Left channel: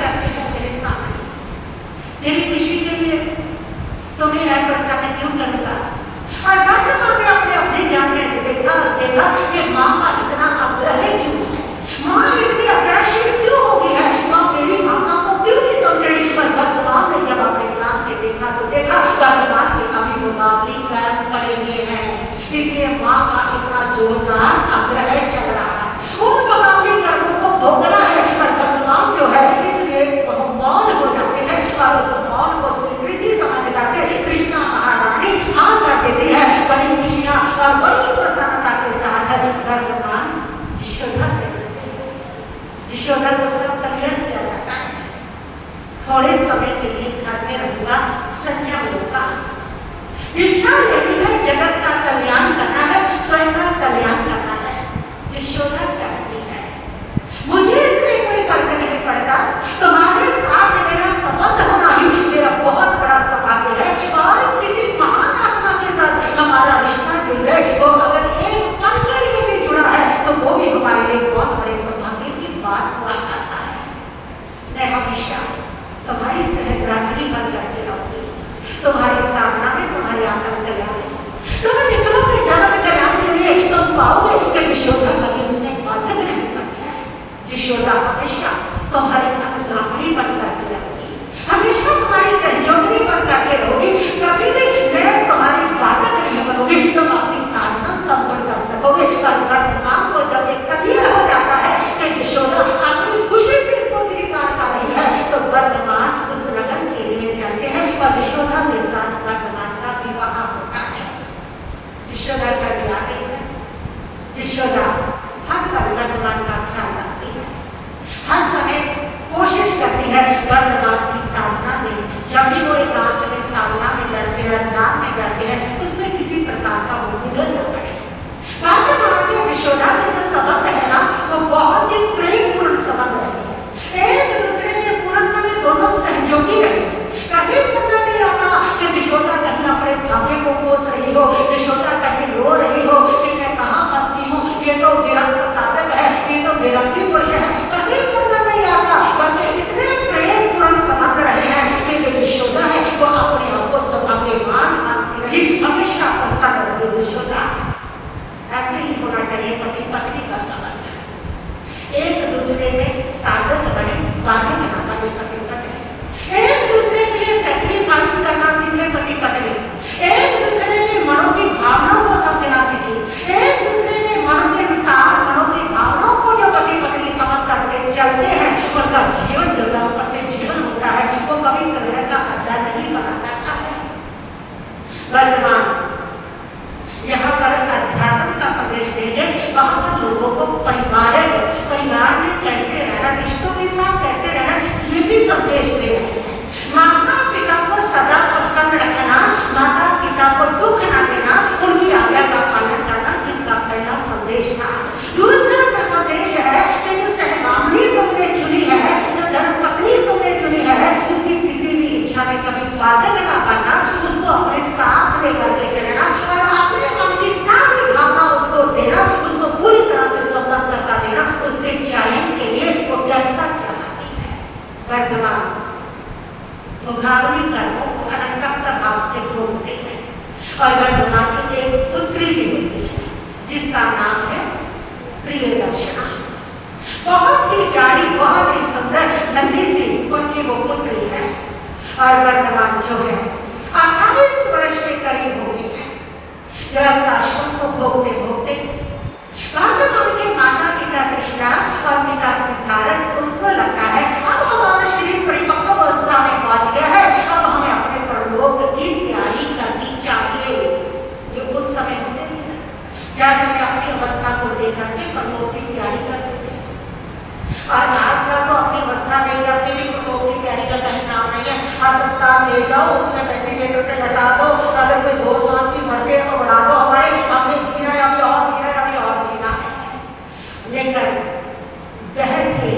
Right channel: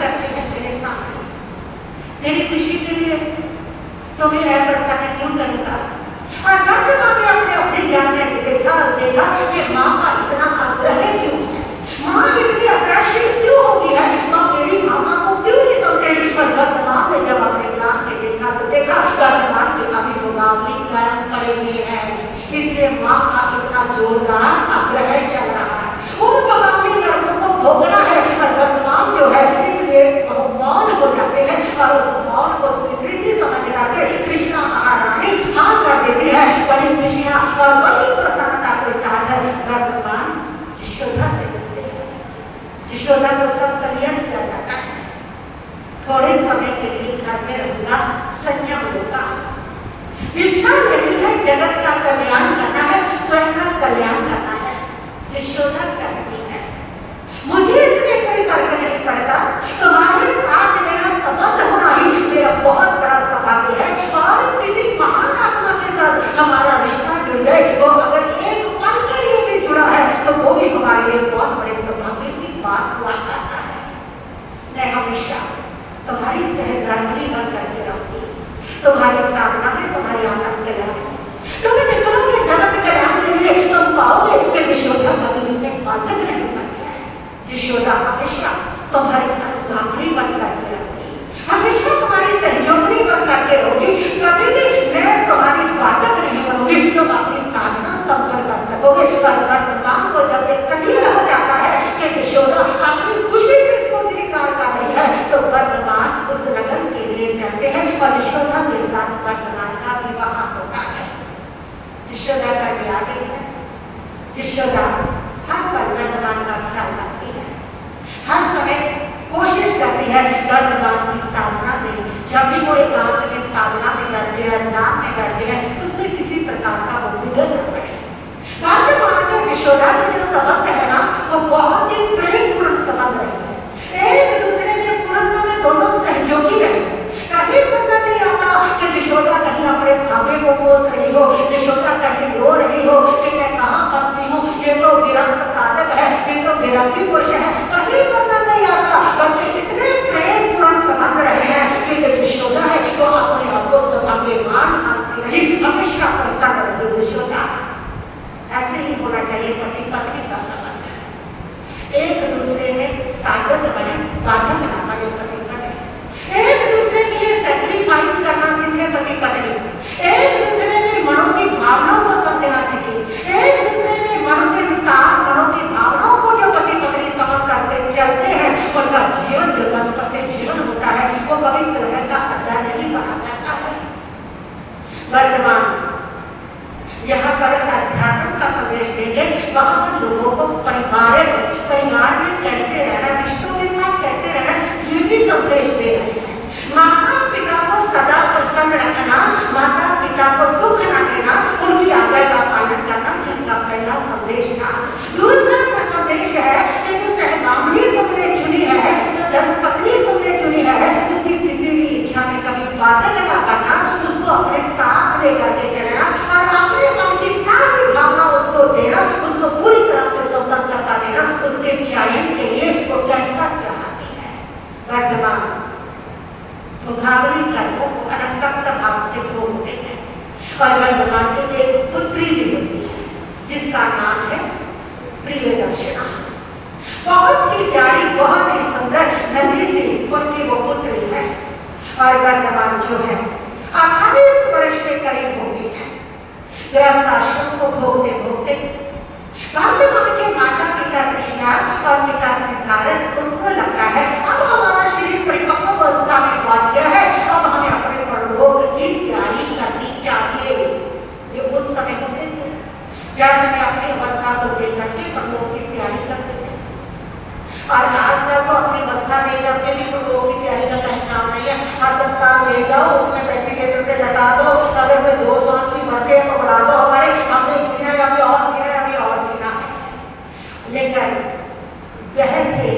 करते हैं तेरे सामने, मेरी खुशी के लिए तुम्हें है प्रसन्न क्यों करूंगा। और वर्तमान में अपने अपने ज्ञान में देखा कि माँ का इतना आग्रह क्यों है, माँ इतनी आकर्षित क्यों हो गई है, माँ मेरी मामा को क्यों नहीं समझ रही। पर वर्तमान में जब अपने ज्ञान में देखा तो देखा वर्तमान के अभी मुकाबले कर्म पड़े हुए हैं, इसलिए माँ का इतना जोरदार आग्रह चल रहा है, उन मुकाबले कर्मों को भोगना है। और वर्तमान जो है इसलिए मौन हो जाते हैं और उस मौन को स्वीकृति समझ करके कृष्णा महारानी हाँ कर देती है। बड़ी खुशियां और बड़ी प्रसन्नता के साथ वर्तमान यशोदा से मिलते हैं। यशोदा को सब कल्याण किया जाता है, थोड़े समय के लिए घर में रहना संयम होता, इच्छा लेनी है जगत का कल्याण करना है, स्वयं का कल्याण करना है। यशोदा कहती है मुझे इसमें कोई फर्क नहीं पड़ता, तुम्हारे साथ मेरा संबंध होना ही मेरा बहुत बड़ा सौभाग्य है। और किसी महान आत्मा के साथ हमारा रिश्ता जुड़ जाए, वो अगर एक पल के लिए भी जुड़ा है तो वो भी हमारे लिए बहुत बड़े सौभाग्य की बात हुआ करता है। मैं हमेशा तुम्हारी सहधर्मिणी बन करके रहूंगी, तुम्हारी साधना में तुम्हारी आनंद कल्याण, तुम्हें निकलोगे जगत कल्याण के लिए, तुम पाओगे कि यशोदा कभी उसमें बाधक नहीं बनती है। यशोदा हमेशा तुम्हारी अनुगामी बन करके रहूंगी, हमेशा तुम्हारी सहयोगिनी बन करके रहोगी, कभी भी मैं तुम्हारी बाधक नहीं बनूंगी, तुम अपनी साधना संपन्न कर सकोगे। और वर्तमान को जब एक क्लियर हो जाता है कि यशोदा अपनी खुशी से इसको स्वीकार कर रही है, तो वर्तमान उस लगन के लिए जाते हैं और यशोदा के साथ वर्तमान का विवाह होता है। यशोदा का विवाह है, यशोदा हर पल वर्तमान का ख्याल रखती है, हर समय कोशिश करती है वर्तमान की साधना में, जब भी वो एकांत में साधना में करते हैं, ध्यान में करते हैं, उसमें किसी प्रकार का विघ्न न पड़े। वर्तमान में यशोदा के जो संबंध है ना, वो बहुत ही प्रेमपूर्ण संबंध रहे हैं, एक दूसरे के पूर्ण में दोनों सहयोगी रहे हैं। कभी पता नहीं आता कि यशोदा कहीं अपने भाग्य को कोस रही हो, यशोदा कहीं रो रही हो कि मैं कहाँ फंसती हूँ, ये तो विरक्त साधक है, ये तो विरक्ति पुरुष है, कभी पता नहीं आता। बल्कि इतने प्रेमपूर्ण संबंध रहे हैं कि जो यशोदा है वो अपने आप को सौभाग्यवान मानती रही, हमेशा प्रसन्न रही यशोदा। ऐसे ही होना चाहिए पति पत्नी का संबंध, एक दूसरे में साधन बने, बाधक न बने पति पत्नी, एक दूसरे के लिए सैक्रिफाइस करना सीखे पति पत्नी, एक दूसरे के मनों की भावनाओं को समझना सीखे, एक दूसरे के मनों के अनुसार मनों की भावनाओं को जो पति पत्नी समझ करके चलते हैं, उनका जीवन जो दाम्पत्य जीवन होता है वो कभी कलह का अड्डा नहीं बना करता है। वर्तमान यहाँ पर अध्यात्म का संदेश देंगे, वहां पर लोगों को परिवार में कैसे रहना, रिश्तों के साथ कैसे रहना, ये भी संदेश दे रहे हैं। माता पिता को सदा प्रसन्न रखना, माता पिता को दुख न देना, उनकी आज्ञा का पालन करना, जिनका पहला संदेश था। दूसरा का संदेश है कि जो सहगामिनी तुमने चुनी है, जो धर्मपत्नी तुमने चुनी है, उसकी किसी भी इच्छा में कभी बाधक न करना, उसको अपने साथ लेकर के चलना और अपने मन की सारी भावना उसको देना, उसको पूरी तरह से स्वतंत्रता देना, उसके चयन के लिए वो कैसा चाहती है। वर्तमान मुकाबली कर्मों को अनसक्त भाव से भोगते हैं और वर्तमान की एक पुत्री भी होती है जिसका नाम है प्रियदर्शना। बहुत ही प्यारी, बहुत ही सुंदर नन्ही सी उनकी वो पुत्री है और वर्तमान जो है 28 वर्ष के करीब हो गई है। गृहस्थाश्रम को भोगते भोगते वर्तमान के माता पिता कृष्णा और पिता सिद्धार्थ, उनको लगता है अब हमारा शरीर परिपक्व अवस्था में पहुंच गया है, अब हमें अपने परलोक की तैयारी करनी चाहिए। ये उस समय होते थे जैसे मैं अपनी अवस्था को देख करके परलोक की तैयारी करते थे, और आजकल तो अपनी अवस्था नहीं करते भी परलोक की तैयारी का कहीं काम नहीं है। अस्पताल ले जाओ, उसमें वेंटिलेटर पे लगा दो, अगर कोई 2 सांस की बढ़ के बढ़ा दो, हमारे हमने जीना है, अभी और जीना है, अभी और जीना है। लेकिन गहरे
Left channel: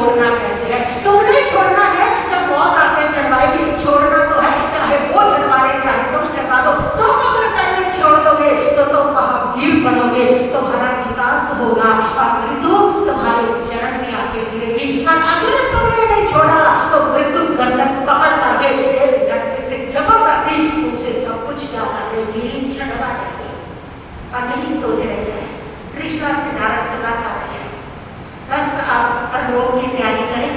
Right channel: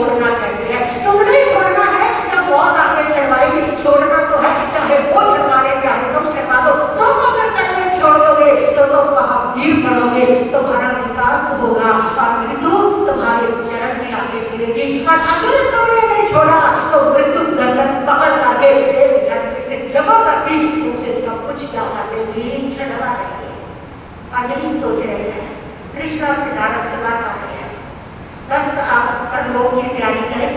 छोड़ना कैसे है? तुमने छोड़ना है जब मौत आके चढ़वाएगी, छोड़ना तो है चाहे वो चढ़वाए चाहे तुम चढ़वा दो। तुम अगर पहले छोड़ दोगे तो तुम महावीर बनोगे, तुम्हारा विकास होगा और मृत्यु तुम्हारे चरण में आके गिरेगी। और अगर तुमने नहीं छोड़ा तो मृत्यु गर्दन पकड़ करके एक झटके से जबरदस्ती तुमसे सब कुछ क्या कर लेगी, चढ़वा लेगी। और नहीं सोच रहे हैं कृष्णा सिद्धार्थ से बात आ रही है, बस आप लोग की तैयारी करें।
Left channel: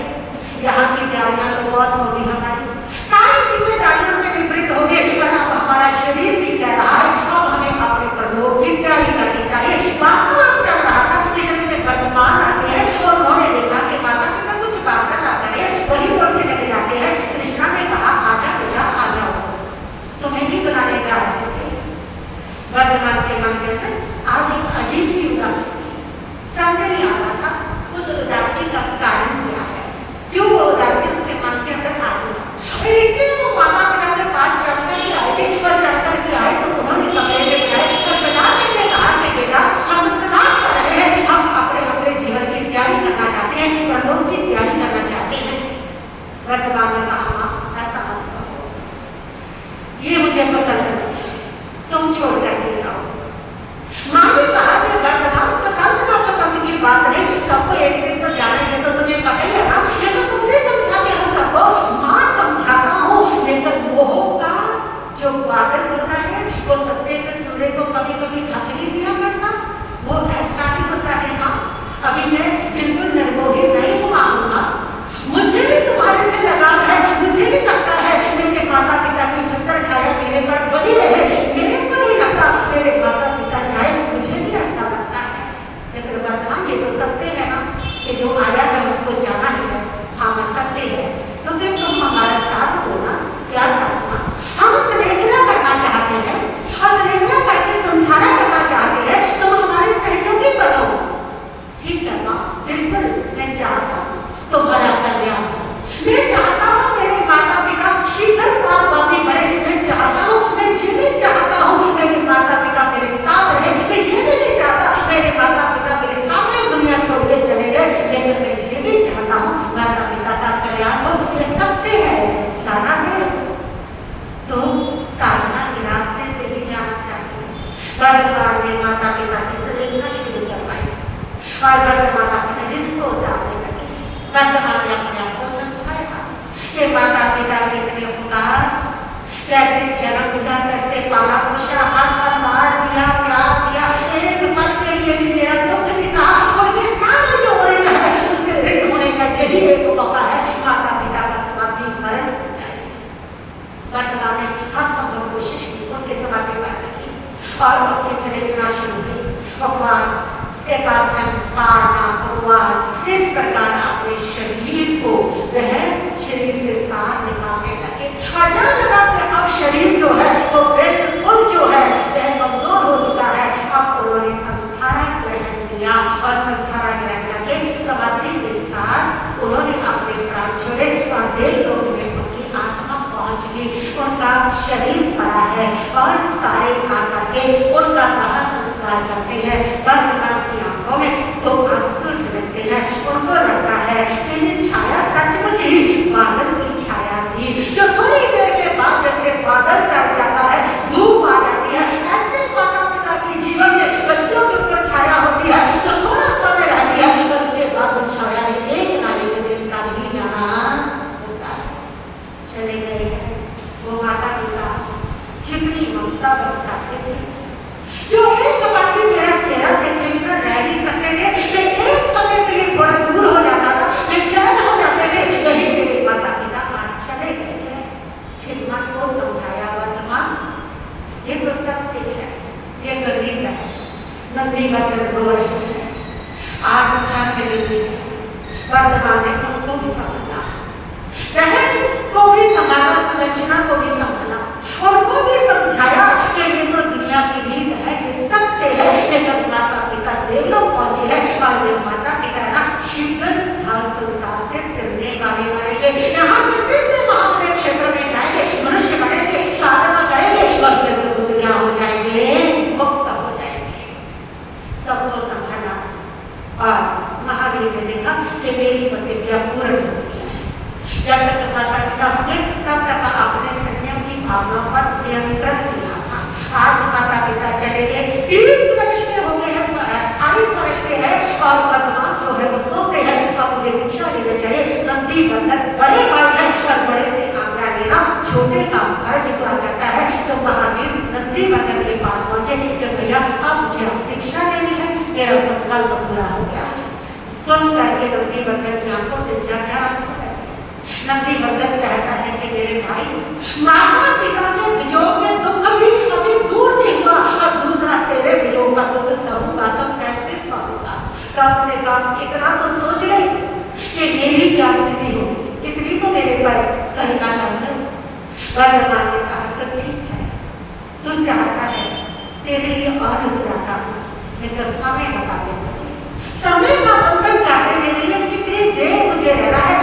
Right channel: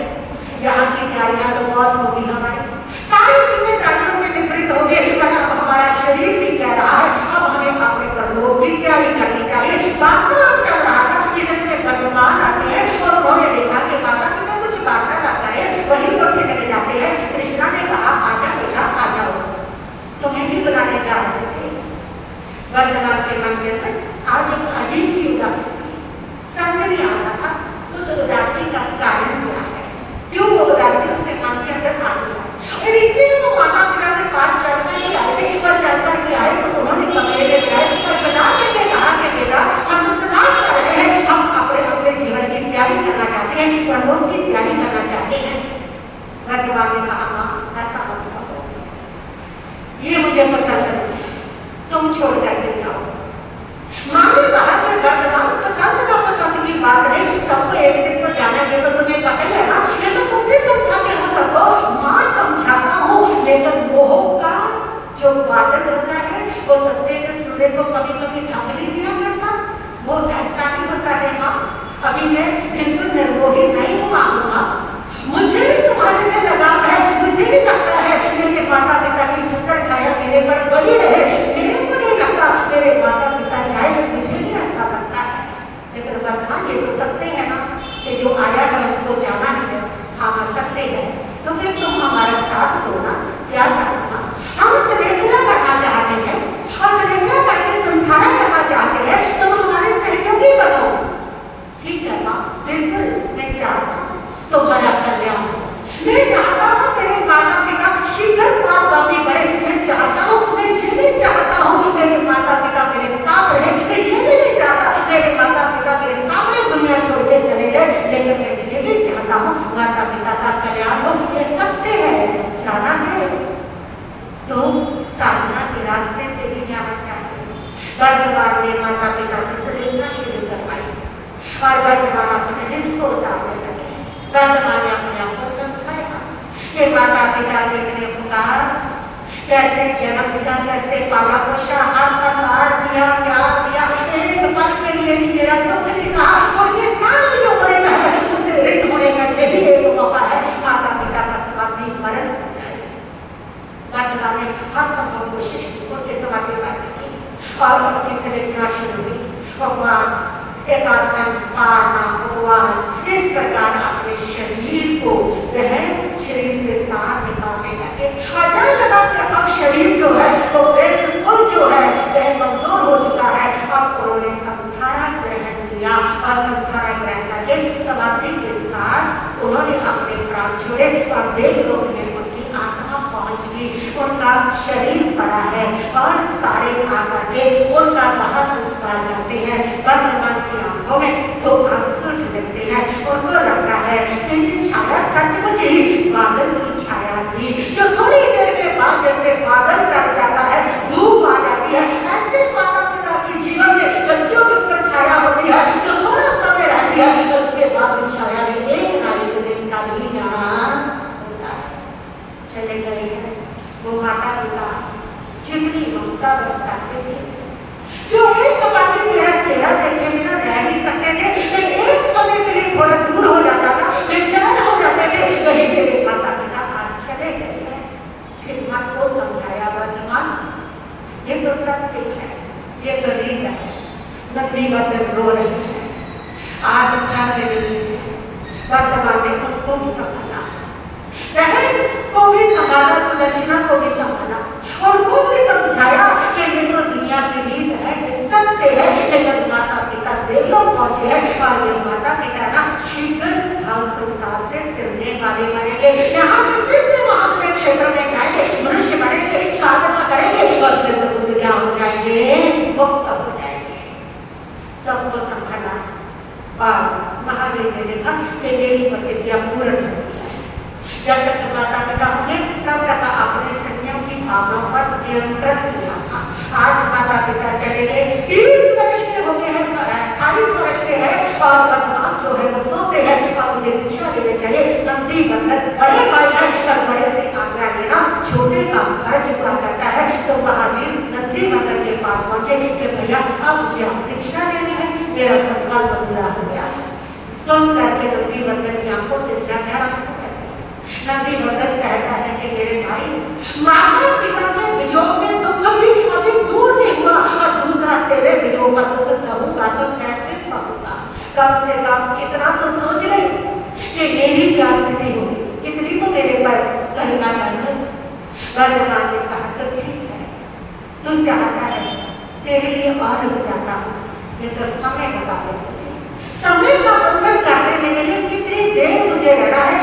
यहाँ की तैयारियां तो बहुत होगी, हमारी सारी जिम्मेदारियों से निवृत्त होंगे। अब हमारा शरीर भी कह रहा है अब हमें अपने परलोक की तैयारी करनी चाहिए। वार्तालाप चल रहा था, इतने में भगवान आते हैं और उन्होंने देखा कि माता पिता कुछ वार्तालाप करें, वही लौटे चले जाते हैं। कृष्णा ने कहा आजा बेटा आ जाओ, तुम्हें भी बुलाने जा रहे थे। भगवान के मन में आज एक अजीब सी उदासी सौंदर्य आ रहा था। उस उदासी का कारण क्या है, क्यों वो उदासी उसके मन के अंदर आ गया? और इसलिए वो माता पिता के पास चलकर के आए थे और चलकर के आए तो उन्होंने कमरे में गए और बना के कहा कि बेटा हम स्नान कर रहे हैं, हम अपने जीवन की तैयारी करना चाहते हैं, परलोक की तैयारी करना चाहते हैं। भगवान ने कहा ऐसा मत करो, ये मुझे पसंद नहीं है, तुम छोड़ करके जाओ। माँ ने कहा कि वर्तमान पसंद ना पसंद की बात नहीं, सबको एक दिन तो जाना है, तो तुम्हें पता ही है ना, ये तो तुम भी समझाते हो सबको। माँ समझाता हूँ, लेकिन मोह का जो बादल होता है वो सत्य के सूर्य को कभी कभी ढक नहीं दिया करता, वो ऐसा ही होता है। माँ अभी मैं बिल्कुल निर्मोही नहीं हुआ, मुझे भी तुम्हारे से लगाव है, मुझे भी लगता है मेरे माता पिता की छत्र छाया मेरे पर बनी रहे। मेरे को नहीं लगता मेरे माता पिता जाए, मुझे भी ऐसा लगता है, लेकिन वर्तमान ये तो सत्य है ना कि जो आया है उसको जाना ही है। हम सकते हैं तो फिर तुम हमारा साथ दो ना, क्या साथ ना? हम श्रृंखला करना चाहते हैं और श्रृंखला करके संधारा करना चाहते हैं, तो हमारे सहयोगी बनो। ठीक है माँ, बिल्कुल मैं चाहता हूँ तुम्हारा कल्याण, मैं चाहता हूँ मेरे माता पिता शीघ्र वापी बढ़े, मैं चाहता हूँ, मैं ये भी चाहता हूँ मेरे माता पिता मेरे साथ रहे, मैं ये भी नहीं चाहता मेरे माता पिता मेरे सामने दुनिया छोड़ के चले गए, लेकिन मैं ये भी चाहता हूँ माता पिता का कल्याण हो। ये सत्य है, जाना है तो साधना के रास्ते से भी जाना चाहिए। भगवान ने माता पिता की श्रृंखला शुरू करवाई और भगवान अपने ऋण को उतारने लगे। भगवान ने अपने आप को समझाया कि माता पिता ने इतने पुकार कैसे जन्म दिया, कैसे पाला पोषा, हाथ पर मार दिया, प्यार दिया, एक पल के लिए भी मेरा दुख नहीं सहा, उनके सामने जो होने लगा उनसे ऋण होने का यही एक मौका है, माता पिता का समाधिकरण चाहिए। भगवान ने हर संभव कोशिश की उनके समाधि करने की और उनकी श्रृंखला शुरू हुई। उपवास, एकासन, पारना, उपवास, इस प्रकार अपने शरीर को वह शरीर से साथ निकालने लगे। और जब लगा कि अब शरीर जो है वो बिल्कुल जो है वह कमजोर हो चुका है, अब उन्होंने संधारा ग्रहण किया और संधारा ग्रहण करके समाधि के साथ उन्होंने अपने प्राण छोड़े और देवलोक में उनकी आत्मा पहुंच गई। उनका शरीर पड़ा है और सारे आकर के उनका दाह संस्कार करते हैं। वर्तमान की आंखों में तो आंसू ढलते हैं, उनको लगता है कि ये छाया सचमुच ही बादल की छाया थी, जो थोड़ी देर के बाद जैसे बादल कट जाता है, धूप आ जाती है, ऐसे माता पिता के जीवन में बच्चों के ऊपर छाया होती है जो थोड़ा समय रहती है, तो उसके बाद उस छाया में एक ना एक दिन का भी जाना होता है। चले गए हैं वो माता पिता जितनी ममता बरसाते थे, जो एक बार भी मेरा चेहरा देखे बिना रह नहीं सकते थे, मैं एक समय के लिए थोड़ा दूर हो जाता था, मैं चैन हो जाते थे, यही मेरे माता पिता आज चले गए हैं। फिर माँ को समझाया वर्तमान ये तो सत्य है, ये तो रीत है, नकली बदल रो रहे हैं, आप ध्यान देंगे। वर्तमान ने उनको भी संभाला, बहन को भी संभाला, सुदर्शना को भी संभाला, उनको भी समझाया कि ये तो दुनिया की रीत है, सत्य है, लेकिन माता पिता देवलोक पहुंचे हैं और वे माता पिता ना शीघ्र धन संसार से फिरने वाले बनेंगे, यहाँ से सीधे महान क्षेत्र में जाएंगे, मनुष्य बनेंगे, साधना करेंगे और सिद्ध दुनिया हो जाएंगे, मुक्त हो जाएंगे। सबको संभाला और महादेव ने देखा कि मेरी प्रतिज्ञा नियंत्रण किया था। आज माता पिता चले गए, 30 वर्ष के हो गए हैं, 28 वर्ष के हैं, और वर्तमान जो है वो सोचते हैं अब मुझे दीक्षा लेनी चाहिए। नंदी बंधन बड़े भाई है, तब बड़े से आज्ञा लेना छोटे का फर्ज पूरा करता है। तो महावीर नंदी बंधन के पास पहुंचे कि भैया अब मुझे दीक्षा लेनी है, मेरा संकल्प पूरा हो गया है। सुन करके नंदी बंधन की आंखों से झरझर आंसू नंदी बंधन कहता है कि मेरे भाई माता पिता के वियोग में दुख भी अभी दूर नहीं हुआ, और दूसरा तेरे वियोग का दुख सहूंगा तो कैसे सहूंगा। कम से कम इतना तो सोच ले कि मेरी क्या स्थिति होगी, इतनी तो मेरे पर करुणा नहीं। भगवान ने कहा तो ठीक है, तू चाहता है तेरे लिए और रुक जाता हूँ, मैं तो समय बता दे मुझे, समय का बंधन काटने के लिए कितनी देर मुझे रहना है।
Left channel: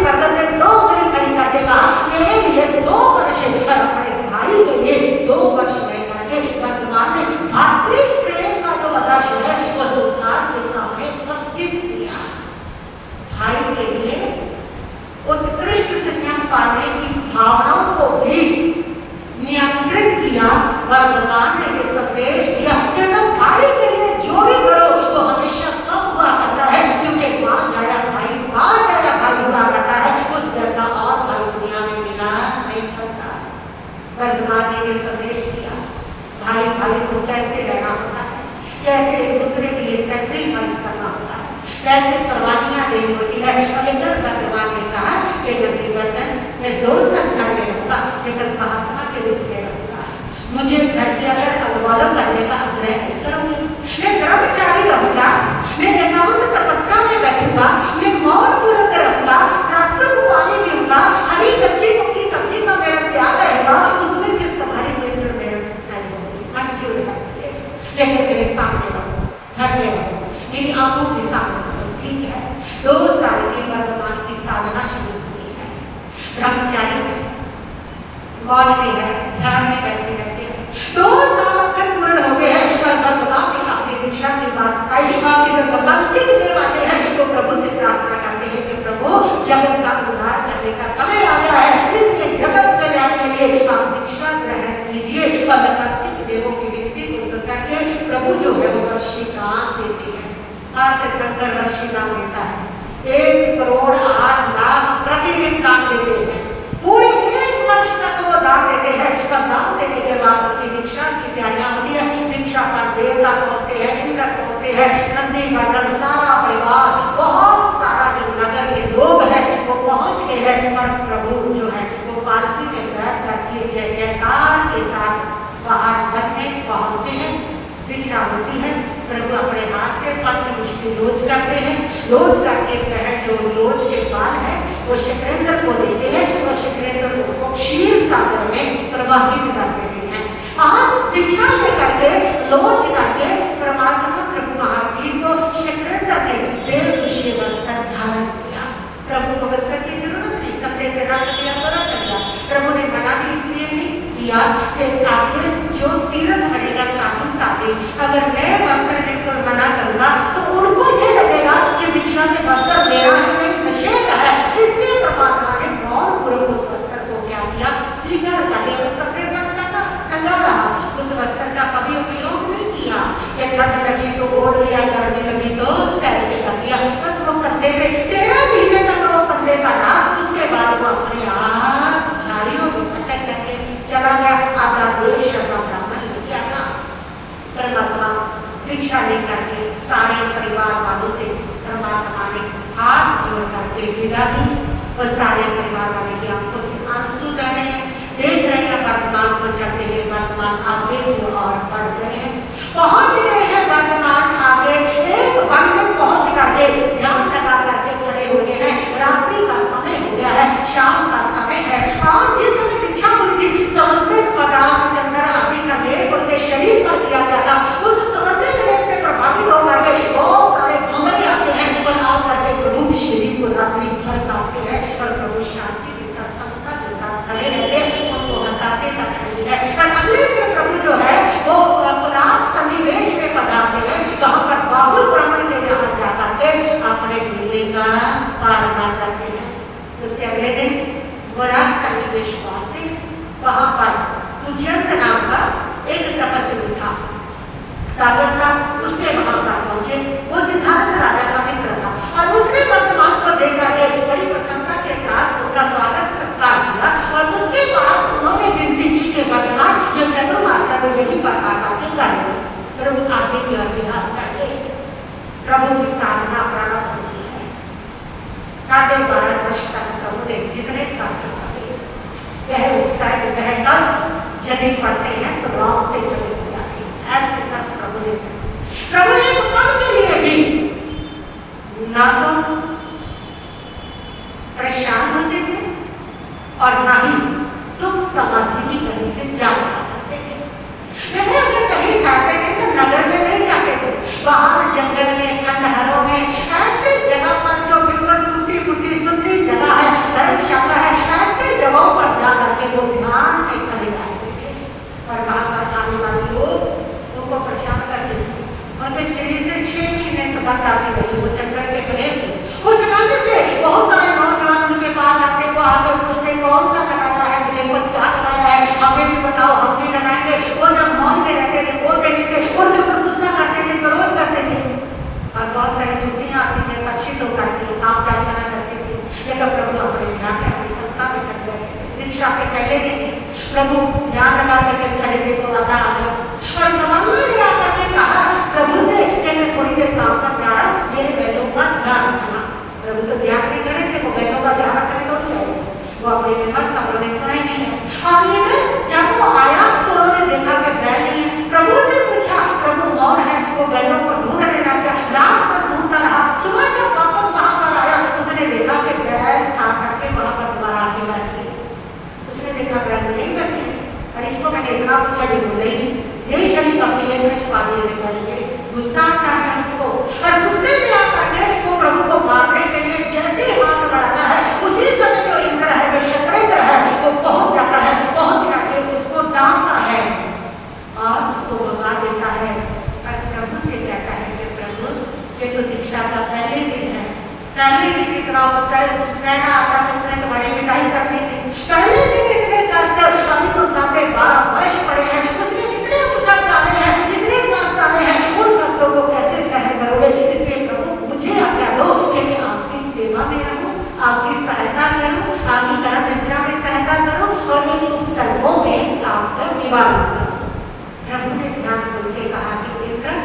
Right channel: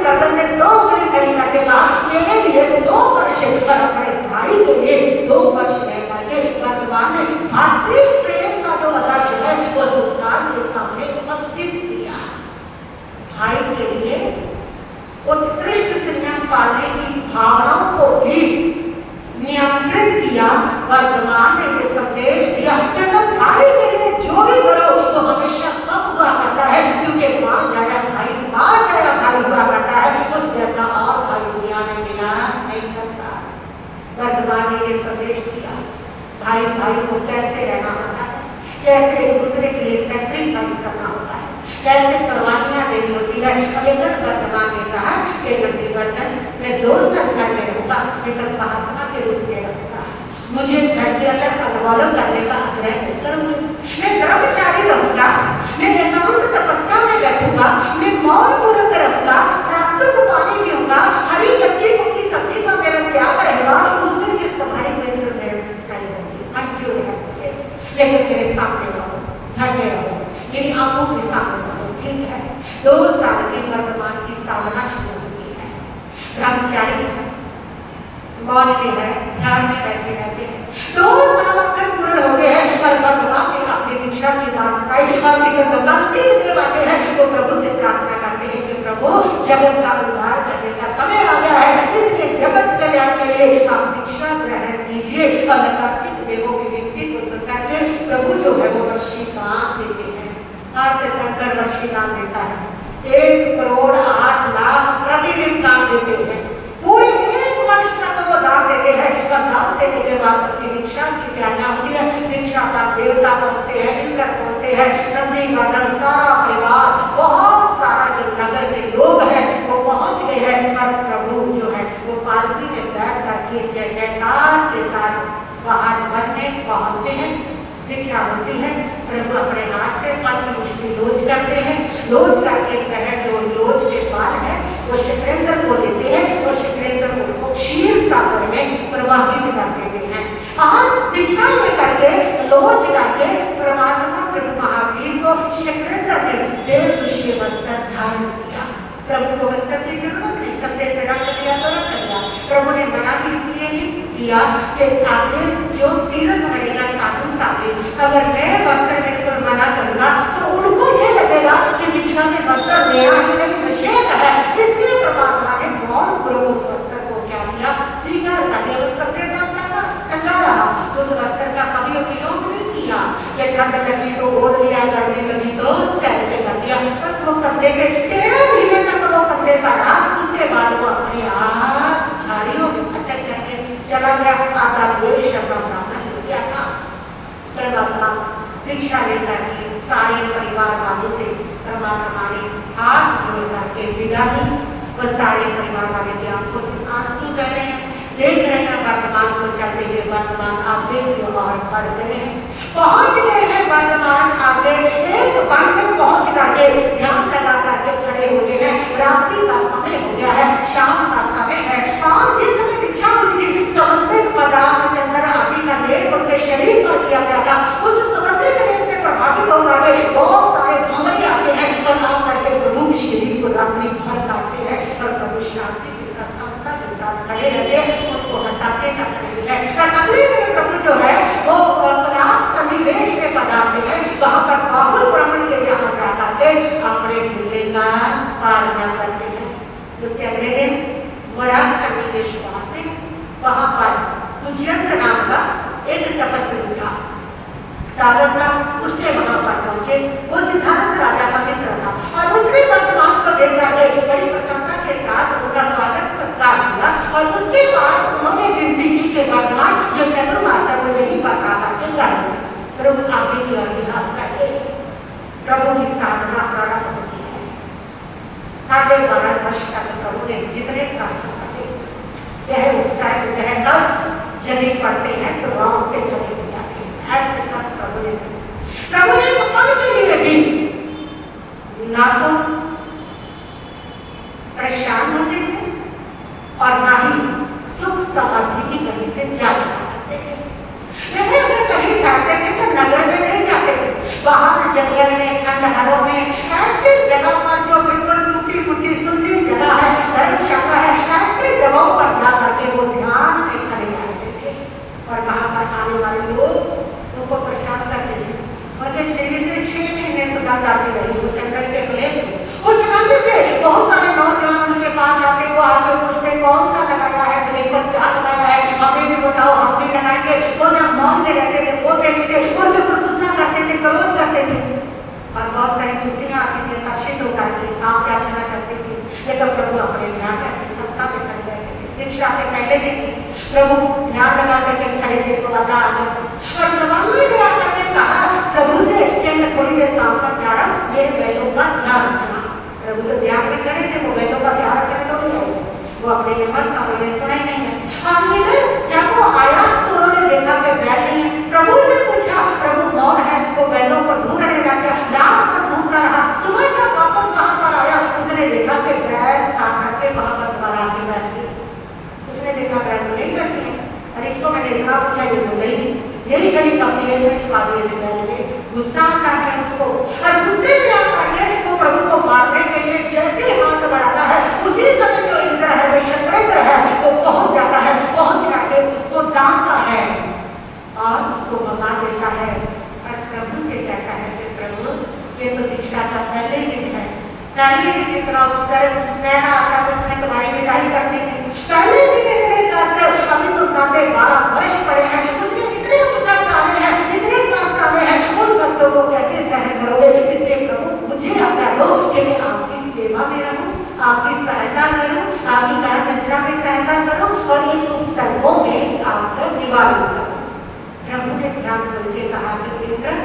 बंधन में 2 उंगली खड़ी करके कहा मेरे लिए 2 वर्ष, अपने भाई के लिए 2 वर्ष रह करके वर्तमान में भातृ प्रेम का जो आदर्श है वो संसार के सामने उपस्थित किया। भाई के लिए उत्कृष्ट शिक्षण पाने की भावनाओं को भी नियंत्रित किया। वर्तमान में ये संदेश दिया कि तुम भाई के लिए जो भी करो वो हमेशा कब हुआ करता है, क्योंकि मां जाया भाई, मां जाया भाई हुआ करता है, उस जैसा और भाई दुनिया में मिला नहीं करता। वर्तमान ने ये संदेश दिया भाई भाई को कैसे रहना होता है, कैसे एक दूसरे के लिए सैक्रिफाइस करना होता है, कैसे कुर्बानियां देनी होती है। लेकिन वर्तमान ने कहा कि नंदी बंधन मैं 2 साल घर में रहूंगा, लेकिन महात्मा के रूप में रहूंगा। मुझे घर के अगर अगवालों करने का आग्रह नहीं करूंगी, मैं ब्रह्मचारी रहूंगा, मैं एकांत तपस्या में बैठूंगा, मैं मौन पूर्वक रहूंगा, राष्ट्र को पानी पीऊंगा, हरी कच्ची की सब्जी का मेरा त्याग रहेगा, उसमें फिर तुम्हारी इंटरफेरेंस नहीं होगी, मंजूर है मुझे। लेकिन मेरे सामने रहो, घर में रहो, मेरी आंखों के सामने रहो, ठीक है। 2 साल की वर्तमान की साधना शुरू हुई है, ब्रह्मचारी है, मौन में है, ध्यान में बैठे रहते हैं। 2 साल तक पूर्ण हो गए हैं, वर्तमान में अपनी दीक्षा की वास्ता देव आते हैं तो प्रभु से प्रार्थना करते हैं कि प्रभु जगत का उद्धार करने का समय आ गया है, इसलिए जगत कल्याण के लिए आप दीक्षा ग्रहण कीजिए। और कार्तिक देवों की विनती को सुनकर के प्रभु जो है वो वर्षिकान देते हैं। कार्तिक कंकर वर्षिकान देता है, 1 करोड़ 8 लाख प्रतिदिन दान देते हैं, पूरी 1 वर्ष तक वो दान देते हैं। तब दान देने के बाद उनकी दीक्षा की तैयारियां होती है, दीक्षा का देवता पहुंचते हैं, इंद्र पहुंचते हैं, नंदी बंधन सारा परिवार, बहुत सारा जो नगर के लोग हैं वो पहुंच गए हैं। और प्रभु जो है वो पालकी में बैठ करके जय जयकार के साथ बाहर घर में पहुंचते हैं। दीक्षा होती है, प्रभु अपने हाथ से पंच मुष्टि लोच करते हैं, लोच करके पहले जो लोच के बाल है वो शुक्रेंद्र को देते हैं, वो शुक्रेंद्र को क्षीर सागर में प्रवाहित कर देते हैं। आप दीक्षा लेकर के लोच करके परमात्मा प्रभु महावीर को शुक्रेंद्र ने देव विषय वस्त्र धारण किया। प्रभु को वस्त्र की जरूरत नहीं, तब तेरा दिया तो रख दिया। प्रभु ने मना भी इसलिए नहीं किया कि आगे जो तीर्थ करेगा साधु साधु, अगर मैं वस्त्र देकर मना करूंगा तो उनको ये लगेगा कि दीक्षा में वस्त्र मेरा ही नहीं निषेध है। इसलिए परमात्मा ने मौन पूर्वक उस वस्त्र को क्या किया, स्वीकार कर लिया। वस्त्र देना टंगा रहा, उस वस्त्र का कभी उपयोग नहीं किया कि ठंड लगी तो ओढ़ लिया, गर्मी लगी तो सैर के कर दिया, बस वो कंधे पे 13 महीने तक वो कंधे पर रहा। उसके बाद वो अपने आप झाड़ियों में भटक करके चला गया। आपका देश ब्राह्मण हो गया था। परमात्मा दीक्षा लेकर के सारे परिवार वालों से परमात्मा ने हाथ जोड़ करके विदा दी। और सारे परिवार वाले की आंखों से आंसू बह रहे हैं, देख रहे हैं वर्तमान को चलते हुए। वर्तमान आगे की ओर बढ़ गए हैं, पहुंच गए हैं वर्तमान आगे। एक वन में पहुंच करके ध्यान लगा करके खड़े हो गए हैं। रात्रि का समय हो गया है, शाम का समय है। आज जिस समय दीक्षा हुई थी, समर्पित पदार्थ चंद्र अभी का मेघ उनके शरीर पर किया गया था, उस समर्पित मेघ से प्रभावित होकर के बहुत सारे भ्रमरी आते हैं और आकर के प्रभु के शरीर को रात्रि भर काटते हैं। और प्रभु शांति के साथ समता के साथ खड़े रहते हैं, उनको हटाते करते हैं। और अगले दिन प्रभु जो है वो अपना सन्निवेश में पधारते हैं, वहां पर बाबुल ब्राह्मण के यहाँ जाकर के ताबस था, उसने वहां पर पहुंचे, वो सिद्धार्थ राजा का मित्र था और उसने वर्तमान को देखकर के बड़ी प्रसन्नता के साथ उनका स्वागत सत्कार किया और उसके बाद उन्होंने विनती की कि वर्तमान जो चतुर्भाषा में वही बढ़ा करके करेंगे। प्रभु आगे की ओर ध्यान करके प्रभु की साधना प्रारंभ होती है। 12.5 वर्ष तक प्रभु ने जितने कष्ट सहे, वह उत्साह वह कष्ट जब पड़ते हैं तो लौटते बड़े हो जाते हैं। ऐसे कष्ट प्रभु ने सहे। प्रभु एक पल के लिए भी ना तो परेशान होते थे और ना ही सुख समाधि की कहीं से जांच करते थे। वह अगर कहीं जाते थे तो नगर में नहीं जाते थे, बाहर जंगल में, खंडहरों में, ऐसी जगह पर जो बिल्कुल टूटी फूटी सुंदर जगह है, धर्मशाला है, ऐसी जगहों पर जा करके वो ध्यान में खड़े रहते थे। और वहां पर आने वाले लोग उनको परेशान करते थे। उनके शरीर से 6 महीने सुगंध आती रही, वो चक्कर के खुले उस सुगंध से बहुत सारे नौजवान उनके पास आते, वो आगे पूछते कौन सा लगाया है, मेरे को क्या लगाया है, हमें भी बताओ, हम भी लगाएंगे। वो जब मौन में रहते थे, बोलते नहीं थे, उनके ऊपर गुस्सा करते थे, विरोध करते थे और बहुत सारी छुट्टियां आती थी, आकर्षित हो जाती, आप चाचना करते थे। लेकिन प्रभु अपने ध्यान रखते, सबका भी कर रहे थे। दीक्षा के पहले दिन प्रभु ध्यान लगा के खड़े थे तो आधा आ गया और नवंबर ने आकर के कहा प्रभु से कि मैं थोड़ी देर काम पर जा रहा हूं, मेरे बैलों का ध्यान रखना। प्रभु तो ध्यान नहीं करे थे, वो बैलों का ध्यान रखने को नहीं आए, वो अपने में मस्त, अपने सुना ही नहीं है। अब इधर जब वो आया तो उन्होंने देखा कि बैल नहीं है। प्रभु से पूछा, प्रभु मौन है, वो बैलों को ढूंढने लगा, रात भर ढूंढता रहा। सुबह जब वापस वहां पर आया उसने देखा कि बैल खा करके वहां पर दोबारा आके बैठ गई। उसने देखा बैल नहीं बैठी है, और इसको मैंने इतना पूछा, ये बोले यही शरीर अपने लिए छुपा दिए थे बैल के। गुस्सा आता है उसको और गुस्से में आकर के वो प्रभु को मारने के लिए जैसे ही हाथ बढ़ाता है, उसी समय जो इंद्र है, जो शत्रुंद्र है, वो पहुंच जाता है, पहुंच करके उसको डांटता है और उसको भगा देता है। और प्रभु से कहता है कि प्रभु ये तो दीक्षा का पहले दिन है, पहले दिन इतना अवसर रहना आता है, उसने तुम्हारी मिठाई करनी थी, पहले दिन इतने कष्ट, अभी तो 12.5 वर्ष पड़े हैं, उसमें इतने अवसर डाले हैं, इतने कष्ट डाले हैं, उन कष्टों को कैसे सहन करोगे? इसलिए प्रभु मुझे आज्ञा दो कि मैं आपकी सेवा में रहूं, आपकी सहायता करूं, आपकी कर्म रचना में सहायता करूं और इन उपसर्गों में आपका निवारण करूं। प्रभु ने ध्यान करके कहा कि इंद्र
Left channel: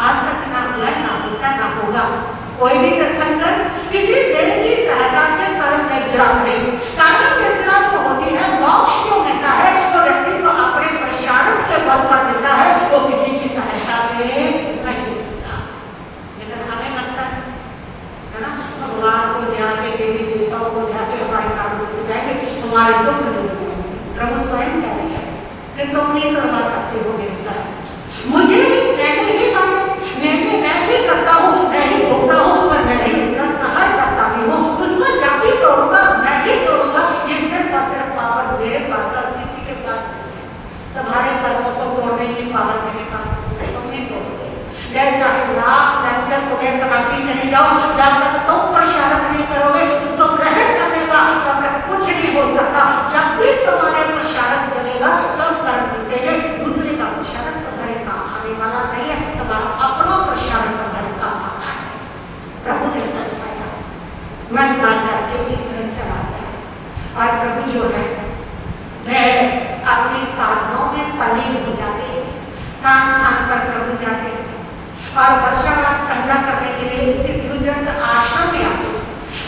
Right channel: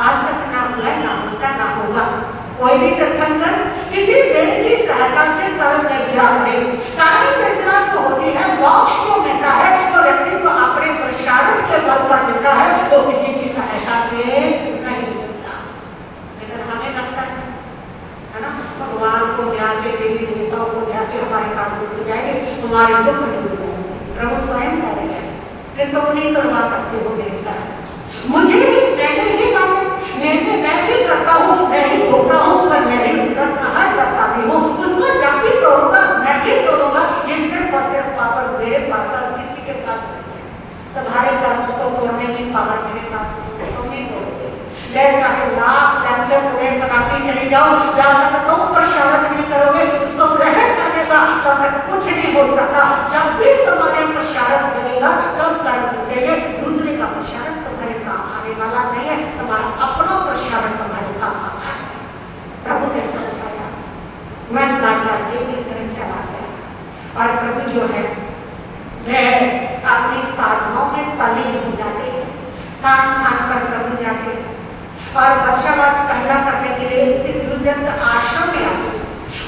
आज तक ना हुआ, ना होता, ना होगा। कोई भी तीर्थंकर किसी देव की सहायता से कर्म निर्जरा करे। कर्म निर्जरा जो होती है, मोक्ष जो मिलता है वो व्यक्ति को अपने प्रसाद के बल पर मिलता है, वो किसी की सहायता से नहीं मिलता। लेकिन हमें लगता है ना, भगवान को ध्यान के, देवी देवताओं को ध्यान के हमारे काम मिल जाएंगे, हमारे दुख नहीं हो जाएंगे। प्रभु स्वयं कह रहे हैं कि तुम नहीं करवा सकते हो मेरे कर्म, मुझे ही, मैंने ही मानो, मैं ही करता हूँ, मैं ही भोगता हूँ, मैं ही उसका सहार करता भी हूँ, उसको जब भी तोड़ूंगा मैं ही तोड़ूंगा। ये सिर्फ और सिर्फ पावर मेरे पास और किसी के पास नहीं है। तुम्हारे कर्मों को तोड़ने की पावर मेरे पास नहीं तोड़ोगे। मैं चाहे लाख लज्जत तुम्हें शराबी चले जाओ, जब तक तुम प्रसाद नहीं करोगे, उसको ग्रहण करने का तब तक कुछ नहीं हो सकता। जब भी तुम्हारे प्रसाद चलेगा तब कर्म टूटेंगे, दूसरे का प्रसाद तुम्हारे काम आने वाला नहीं है, तुम्हारा अपना प्रसाद तुम्हारे काम आना है। प्रभु ने समझाया, मन बात करके भी घर चला गया और प्रभु जो है वह अपनी साधनों में तल्लीन हो जाते हैं। स्थान पर प्रभु जाते हैं और वर्षावास पहला करने के लिए उसी गुरुजन आश्रम में आते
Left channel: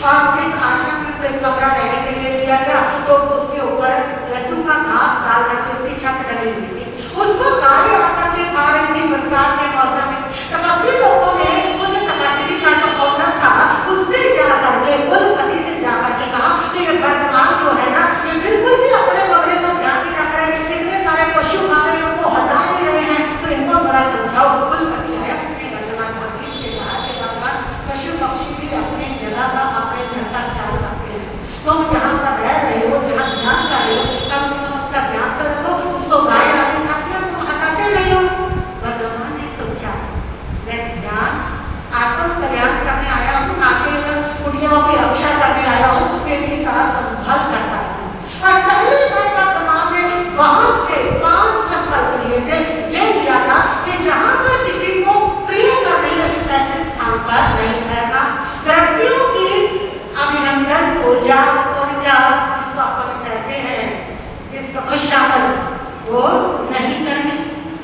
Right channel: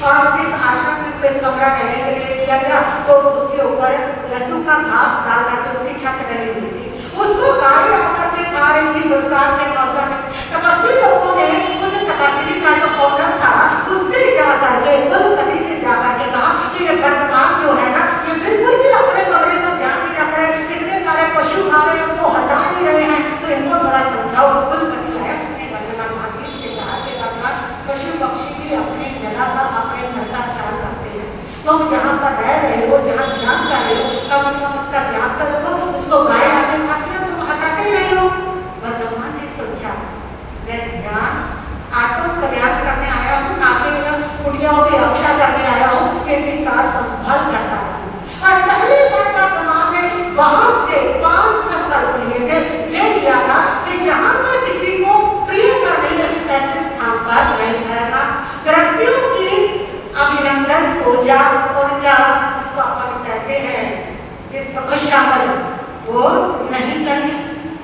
और जिस आश्रम में कमरा रहने के लिए दिया था तो उसके ऊपर लहसुन का घास डाल करके उसकी छत डली हुई थी, उसको गाय आकर के खा रही थी। बरसात के मौसम में तपस्वी लोगों ने उस तपस्वी का जो औरत था उससे जा करके, कुलपति से जा करके कहा कि ये वर्तमान जो है ना, ये बिल्कुल भी अपने कमरे का ध्यान नहीं रख रहे, इतने सारे पशु खा रहे हैं, उनको हटा नहीं रहे हैं, तो इनको थोड़ा समझाओ। कुलपति है, उसने वर्तमान वो नहीं करनी।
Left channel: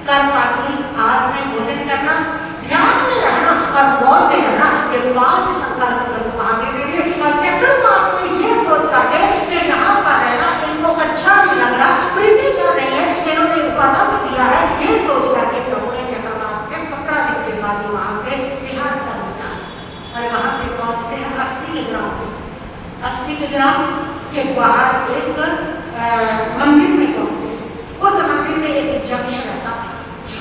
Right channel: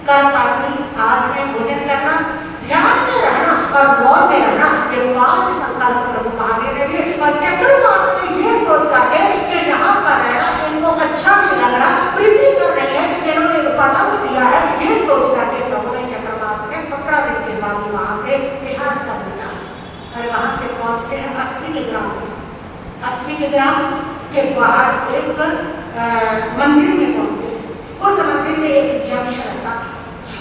कल पार्टी आज में भोजन करना, ध्यान में रहना और गौर में रहना। ये 5 संकल्प प्रभु आगे देंगे और चतुर्मास में ये सोच करके कि यहाँ पर रहना इनको अच्छा नहीं लग रहा, प्रीति कर रही है, इन्होंने उपलब्ध दिया है, ये सोच करके प्रभु ने चतुर्मास के 15 दिन के बाद वहां से विहार कर लिया। और वहां से पहुंचते हैं अस्थि के ग्राम में। अस्थि के ग्राम के बाहर एक मंदिर में पहुंचते हैं। उस मंदिर में एक यक्ष रहता था।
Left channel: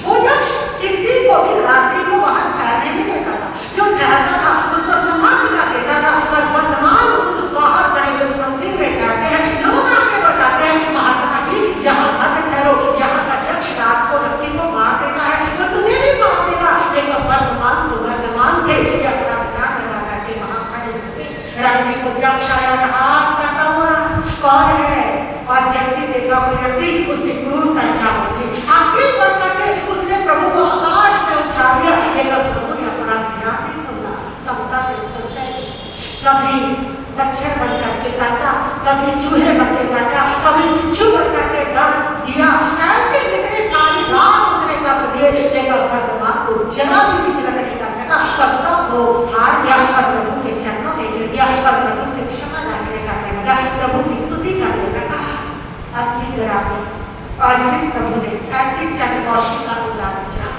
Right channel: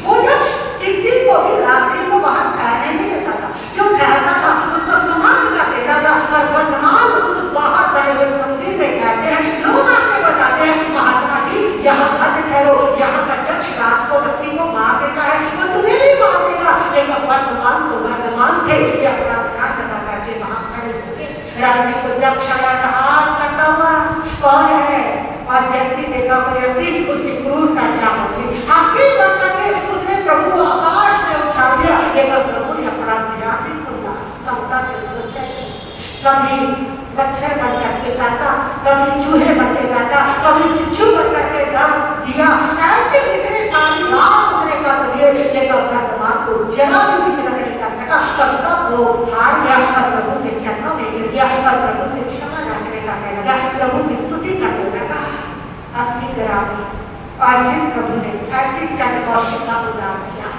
वो यक्ष किसी को भी रात्रि को बाहर ठहरने नहीं देता था। जो ठहरता था उसको समाप्त कर देता था। और वर्तमान उस बाहर पड़े उस मंदिर में ठहरते हैं, लोग आके बताते हैं महात्मा जी जहाँ मत ठहरो, यहाँ का यक्ष रात को व्यक्ति को मार देता है, तो तुम्हें भी मार देगा। लेकिन वर्तमान तो वर्तमान थे, अपना ध्यान लगा करके वहां खड़े होते। रात्रि को यक्ष आया, नमाज करता हुआ, कौन है? और जैसे देखा वो व्यक्ति उसकी क्रूरता चाल दी, आगे बढ़ करके उसने प्रभु को आकाश में उछाल दिया। लेकिन प्रभु ने अपना ध्यान नहीं खोला, समता से उसको सह। कभी मच्छर बन करके काटा, कभी चूहे बन के काटा, कभी बिच्छू बन करके डस दिया। ऐसे कितने सारी बात उसने कष्ट दिए, लेकिन वर्तमान को जरा भी विचलन नहीं कर सका। तब तक वो हार गया और प्रभु के चरणों में गिर गया और प्रभु से क्षमा याचना करने लगा, प्रभु की स्तुति करने लगा। अस्थि ग्राम में और जिन प्रभु ने ऐसी चंद्रकौशिक का उद्धार किया,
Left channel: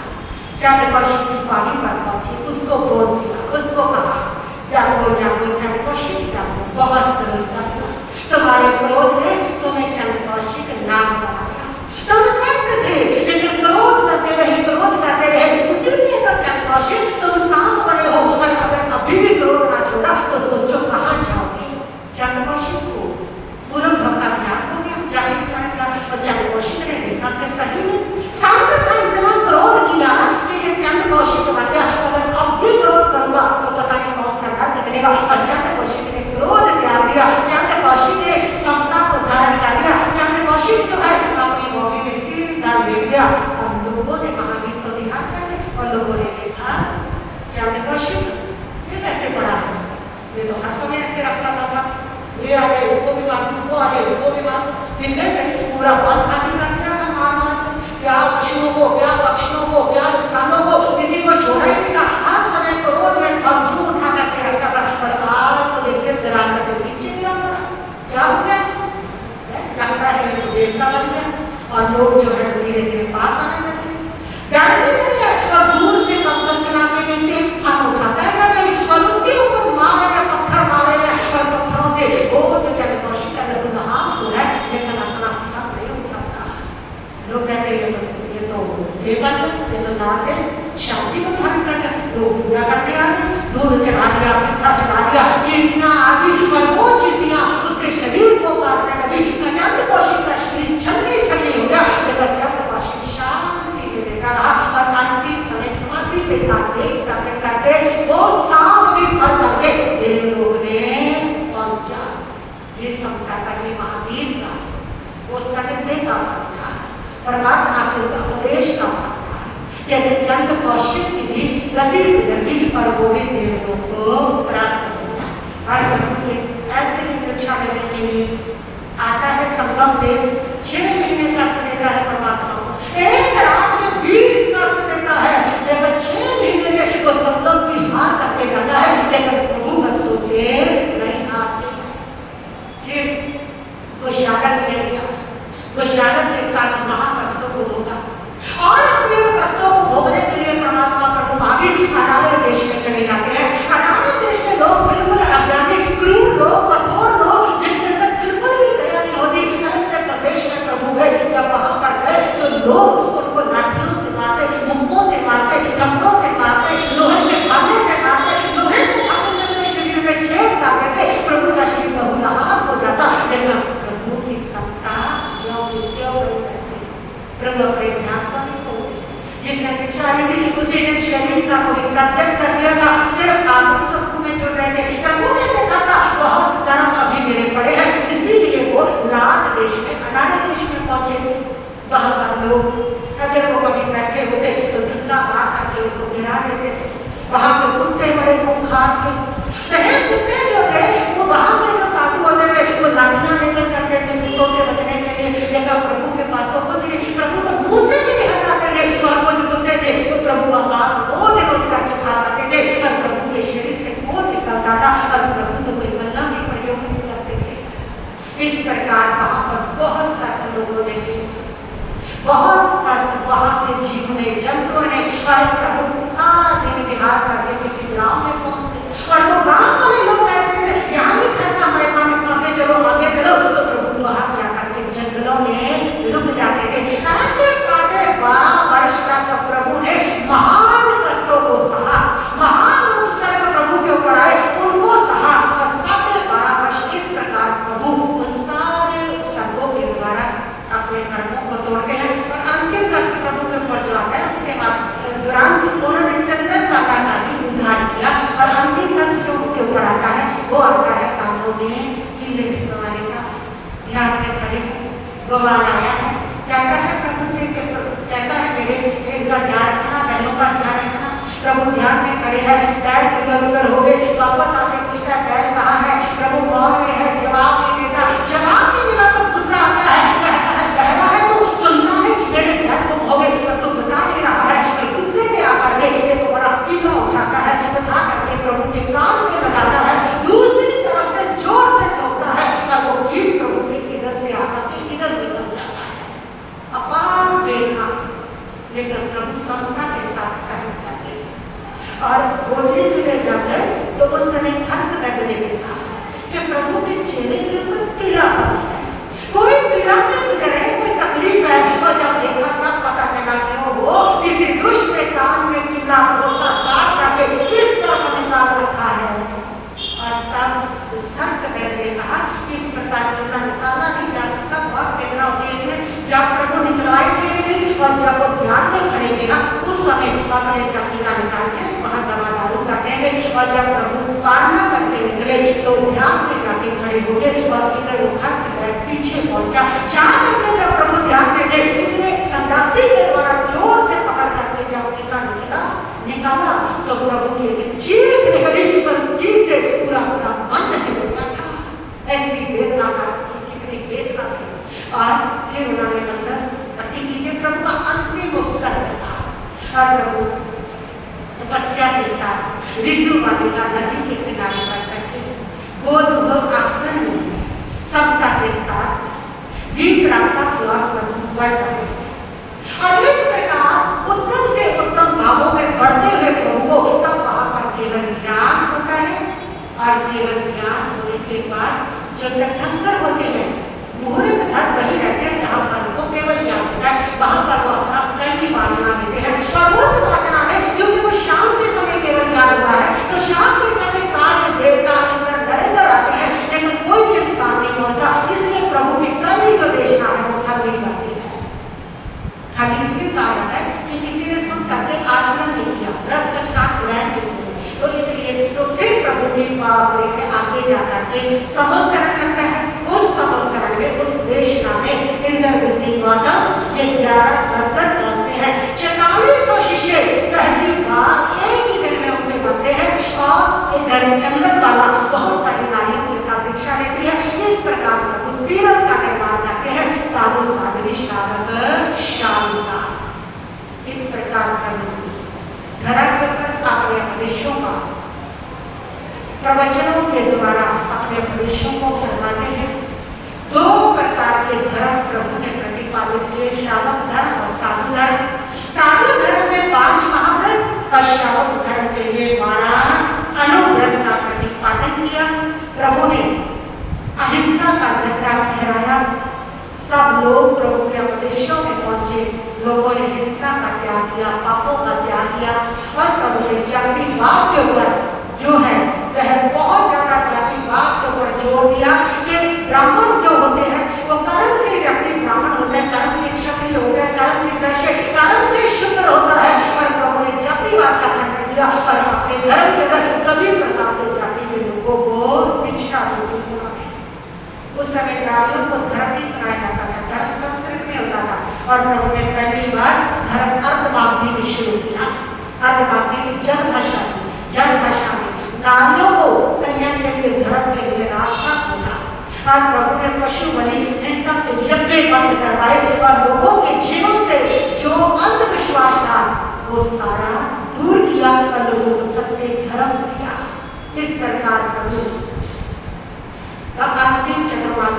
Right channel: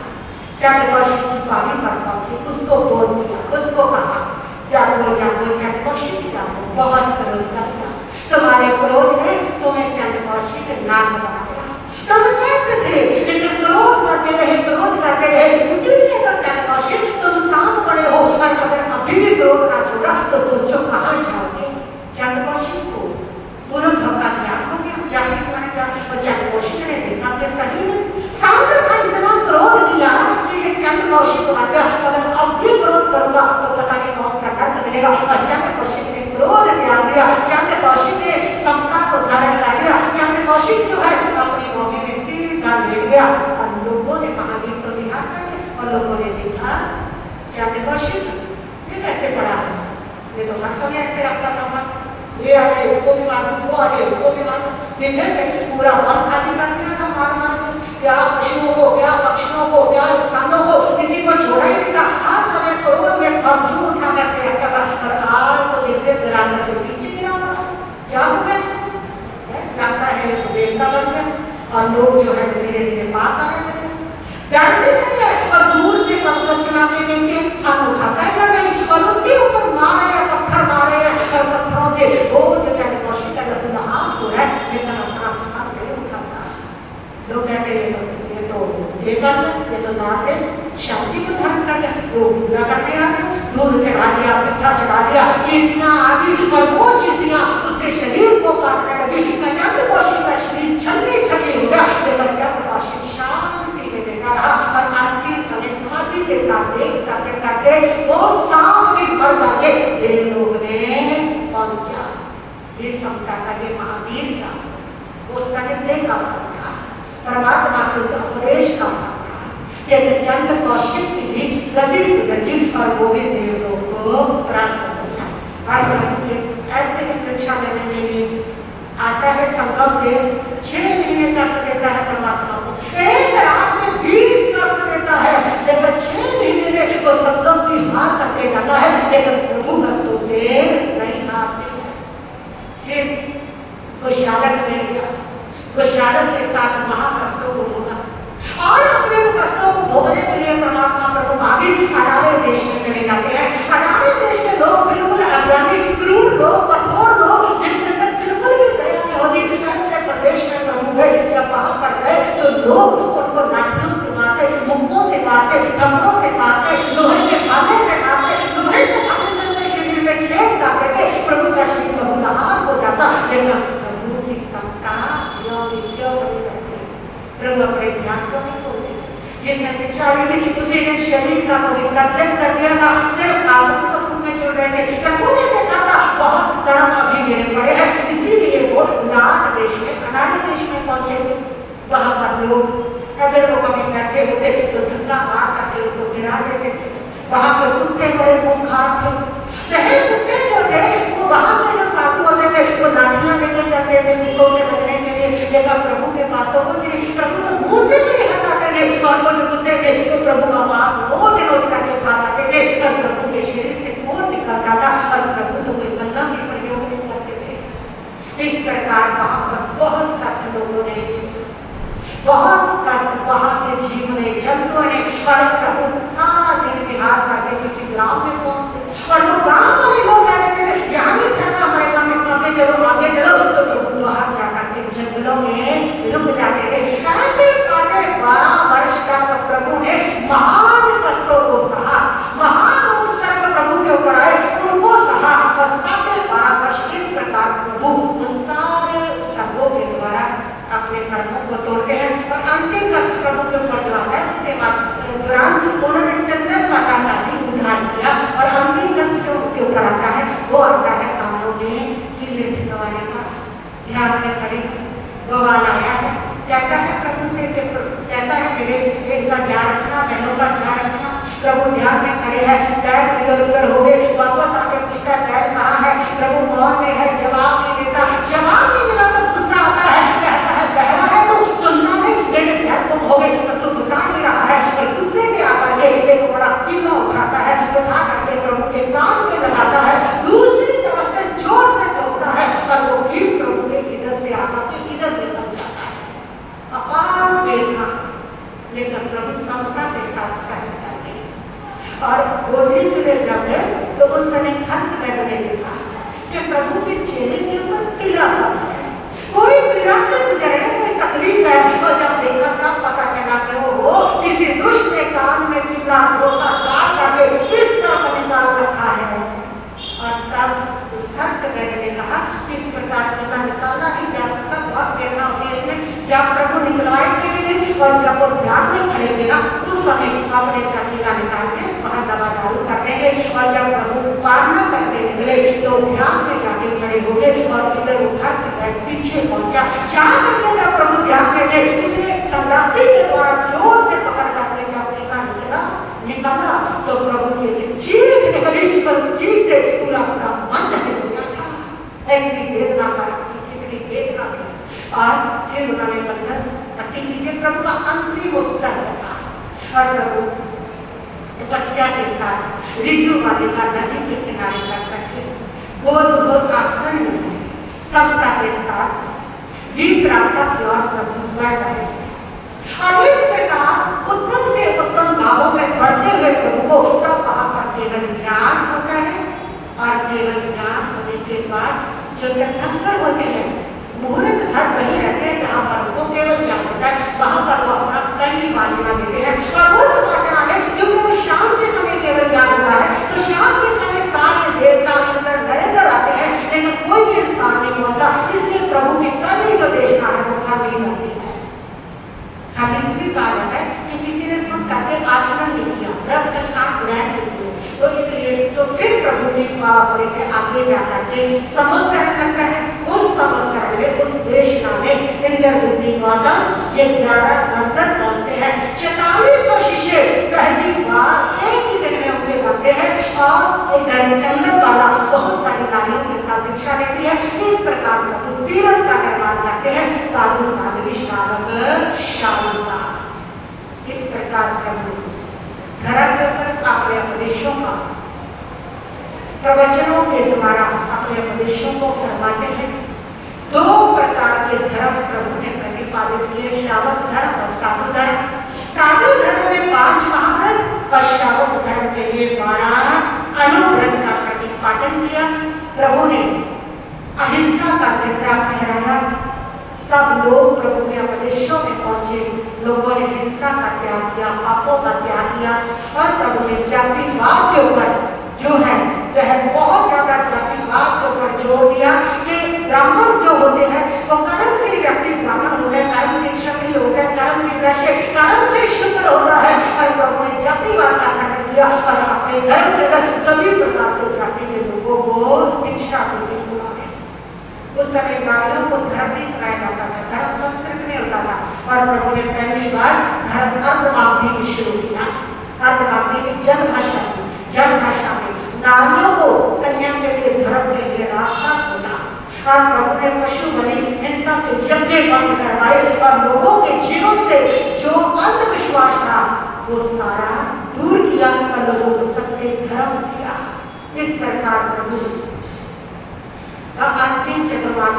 चंद्रकौशिक की पानी पर पहुंचे, उसको बोल दिया, उसको कहा जागो जागो चंद्रकौशिक जागो, बहुत क्रोध कर दिया, तुम्हारे क्रोध ने तुम्हें चंद्रकौशिक नाम बनाया। तुम सत्य थे लेकिन क्रोध करते रहे, इसीलिए तो चंद्रकौशिक तुम शांत बने हो। और अगर अभी भी क्रोध ना छोड़ा तो सोचो कहाँ जाओगे। चंद्रकौशिक को पूर्व भक्ता ध्यान हो गया, जाने से चंद्रकौशिक ने देखा कि सही में शांत था, इतना क्रोध किया कि ये चंद्रकौशिक आ गया। अगर अब भी क्रोध करूंगा तो पता नहीं कौन सा दर्द मिलेगा। और चंद्रकौशिक ने क्रोध त्याग दिया, चंद्रकौशिक ने समता को धारण कर लिया। चंद्रकौशिक जो है अपनी मौके में सीधा लेट गया। और लोगों ने महावीर को ध्यान करके और लोगों ने देखा चंद्रकौशिक ये कैसे पड़ा है, ये तो हर समय ऐसे रखता था, ये आगे इसको भी मार दो, वो आगे इसको भी मार दो, दिल्ली से पूरा वन खाली कर दिया था मार मार के। क्या पशुओं को, क्या पक्षियों को, क्या इंसानों को, किसी को छोड़ा ही नहीं था। हर समय क्रोध में खंजू उठा करके रखता था। और आज तो वैसे दरार के पीछे गिरा पड़ा, क्या हो गया इसको? लगता है तो देवता बन गया। और लोग जो है धीरे धीरे पास आने लगे, डरते नहीं है और दूर से पत्थर चलाते नहीं थे, हम उठाता है नहीं और उसके ऊपर मारे हैं, पत्थर मारे हैं और पत्थरों से वो जो चंद्रकौशिक है हो रहा है, लेकिन अपना हाथ नहीं उठाता। लोग कहते हैं ये तो देवता है, ये तो नाट है, शांति को धारण करना, वो पूरा करने आ गए, दूध चढ़ा दिया, मिठा चढ़ा दिया, चींटियां आ गई और वो चींटियां उसके शरीर को काटने लगी। चंद्रकौशिक का शरीर छलनी छलनी हो गया। लेकिन चंद्रकौशिक शांति में लेटा रहा और अंतिम समय समाधि के साथ एक साथ करके वो सांप भी भर करके देव लोग ने पहुंचा। ये समता का, ये महावीर का, वो सकते का था, परमात्मा के उपदेश का था। लेकिन चंद्रकौशिक की भी गति से गति और वो भी देव लोग को प्राप्त होगा। ऐसे ही परीक्षा लेने के लिए आता है संगम देव, 6 महीने कष्ट देता है परमात्मा को, एक रात में 20 कष्ट देता है। लेकिन 6 महीने में वो संगम की हार करके जाता है, लेकिन प्रभु कष्टों से नहीं हारते। फिर गोशालक मिल गया, गोशालक के साथ महाकष्टों को भोगा और अपने कष्टों को भोगने के लिए परमात्मा प्रभु महावीर अनार्य देश में चले जाते हैं। अनार्य देश के लोग बिल्कुल अज्ञानी, क्रूर लोग, कठोर लोग, जिनके अंदर बिल्कुल भी दया नहीं होती, ऐसे प्रदेश में प्रभु गए। जब वहां पर गए तो लोग उनको लाठियों से मारते, मुक्कों से मारते, थप्पड़ों से मारते, लोहे के भाले से मारते, लोहे के भाले से उनके शरीर में छेद करते थे। प्रभु का शरीर बहुलाहार हो जाता। लेकिन प्रभु की समता जो नित्य बनी रहती है, प्रभु अपने ध्यान को नहीं खोलते। जिसने दीक्षा ली थी उसी ने शरीर का विसर्जन कर दिया था, सिर्फ आत्म सत्व में जुड़ रहे थे। प्रभु ने देखा था बहुत कर्म अभी मेरे पड़े हैं, इसीलिए वो लाट देश में, अनार्य देश में पहुंचे थे। वहां पर लोग अगर वो कभी बैठे होते तो धक्का मार करके उनको गिरा देते थे। वहां पर कुत्ते बड़े खूंखार थे, वह कुत्ते जो थे वो वहां के जो साधु होते थे वो लाठियां लेकर चलते थे कुत्तों से बचने के लिए। लेकिन प्रभु के पास तो कुछ नहीं, बहुत कष्ट वहां के जीव ने जंतुओं ने, और प्रभु सारा दिन बिहार करके किसी गांव में पहुंचते और वो गांव वाले लोग कहते थे यहाँ भी ठंडा पड़ेगा, आगे चलो तो प्रभु बाहर जाकर के जंगलों में रुक जाते थे। ऐसे 12.5 वर्ष तक प्रभु ने महान कष्टों को सहा, महान उपसर्ग प्रभु के ऊपर आए उनको सहा, और 12.5 वर्ष इस प्रकार प्रभु सारे उपसर्गों के द्वारा अपने कर्मों को तोड़ते हैं और अंतिम कष्ट प्रभु के ऊपर जो आता है उसके बाद उन्होंने चंद्रन का काफी उद्धार किया, और अंतिम कष्ट जो उनके ऊपर आता है वो आता है कानों में कीले दिखवाने का। ध्यान में खड़े भगवान आया है, कहता है प्रभु से, कहता है मेरे एक का ध्यान रखना, बहनों का ध्यान रखना। प्रभु ध्यान में खड़े हैं, पैर इधर उधर हो गए, वापस आके पूछता है पैर कहाँ है, प्रभु मौन में है, जवाब नहीं देता, जवाब नहीं मिला तो गुस्सा आता है, कहता है बहरा है तू, सुनना नहीं, मेरे पैर को हो गए तो तू बता नहीं रहा है, और गुस्से में आकर के एक बड़ा किला उठाता है, उठा करके प्रभु के कान में लगाता है, दूसरी तरफ से जोर से ठोकता है, और वो कील प्रभु के इधर से आकर के इधर निकल जाता है। अपार वेदना लेकर प्रभु समता के साथ सहन करते और बोझे के लिए जब गए तो उस समय थक लगने देखा कि प्रभु के चेहरे के ऊपर पीड़ा पड़ा है, कोई पीड़ा से गुजरे, कोई तकलीफ है, और जब देखा तब पता चला कि वो किसी दुष्ट के कान में कीड़ा रोका काट करके किस तरह निकाल रखा है। और तब उस थक लगने ने कहा इस प्रकार कीड़ा निकाला नहीं जा सकता, बहुत वेदना होती है इसमें, जब प्रभु निकलाए थे और जब वो ध्यान में खड़े ना उस समय अपने कीड़ा निकाल के वहां दवा दारू करने गए, और जब प्रभु प्रार्थना करने निकले तो ध्यान में जाके खड़े हो गए और इधर उठा के पीछे पहुंचा, जहां तक जब प्रभु ध्यान में थे इसने संदासी के द्वारा जोर से पकड़ करके जब कीड़ा निकाला तो प्रभु की चीख निकली और उस चीख से पूरा ब्रह्मांड हिल गया था। ऐसी वेदना का कितनी वेदना थी। और फिर उन्होंने मंदिर पट्टी कीजिए, प्रभु का अंतिम उपसर्ग था, और प्रभु तपस्या के साथ रिजु वालिका नदी के किनारे पर बैठे गोद आसन में समता के साथ गीत रागता द्वारा प्रभु बढ़ रहे, और इस प्रकार उत्तम से उत्तम भावों में बढ़ते हुए प्रभु को तब वहां पर केवल ज्ञान होता है, और केवल ज्ञान होने के बाद जो तीर्थंकर होते हैं मुहूर्त भर वही रहते हैं जहाँ पर वो केवल ज्ञान होता है, वहां पर वो अपना कल की वाचना लेते हैं, और उस वाचना में क्योंकि वो शाम के समय केवल ज्ञान हुआ है तो शाम के समय सारे देवता अंदर नरेंद्र आते हैं, लेकिन कोई भी इंसान नहीं पहुंचता, इसलिए प्रभु की कल ही जो देशना है वो फल नहीं जाती है। खाली इसलिए कारण है कि किसी ने सुन करके आचरण नहीं किया, व्रत कछा ग्रहण नहीं किया, तो इसलिए तो फिर प्रभु की बावरी में आगे जाकर के समोसरण लगता है, उस समोसरण में उस देशना में इंद्रवृत्ति गौतम जिन 11 गंधर्व पहुंचते हैं, 4400 शिष्य पहली बार एक ही दिन में उनके बनते हैं, और इधर जंगल वाला बहुत सारी नारियों के साथ दीक्षा लेती है। इस प्रकार प्रभु तीरथ का निर्माण करते हैं, साधु साध्वी श्रावक शालिका। इस प्रकार प्रभु धरातल पर अपने उपदेशों का प्रवचनों के द्वारा अपने उपदेशों को फरमाते हैं। 2 प्रकार के धर्म प्रभु ने प्रतिपादित किए, श्रावक धर्म और साधु धर्म। साधु धर्म में 5 महाव्रत और श्रावक धर्म के लिए 12 अनुव्रत का प्रतिपादन किया। प्रभु ने अहिंसा का झंडा फहराया, सब लोग प्रभु के उपदेशों में पहुंचे, लोगों ने हिंसा का त्याग किया, पापों का त्याग किया, और प्रभु ने जातिवाद के ऊपर जो है वह बहुत ज्यादा जातिवाद के ऊपर जोर दिया कि ब्राह्मण जो होते हैं वो कर्म से व्यक्ति ब्राह्मण होते हैं, कर्म से क्षत्रिय होते हैं, कर्म से वैश्य, कर्म से शूद्र होता है, और प्रभु ने जातिवाद का खंडन किया और अपने धर्म के अंदर सभी प्रकार के जाति के लोगों को दीक्षा देते हुए उस समय ग्रामीणों को धर्म ही सिखाया जाता था, धर्म संस्कृत में होता था, और प्रभु ने पहली बार धर्म अर्धमागधी में शुरू किया। अर्धमागधी में जन्म दशा में नारियों को संयम के लिए धर्म के लिए रास्ता खोला, और प्रभु ने पशु बलि हिंसा के यज्ञ बंद करवाए, और लोगों के जीवन से जो अंधविश्वास था वो सारा दूर किया, और लोगों को सत्य धर्म दिया। इस प्रकार प्रभु का अंतिम चतुर्मास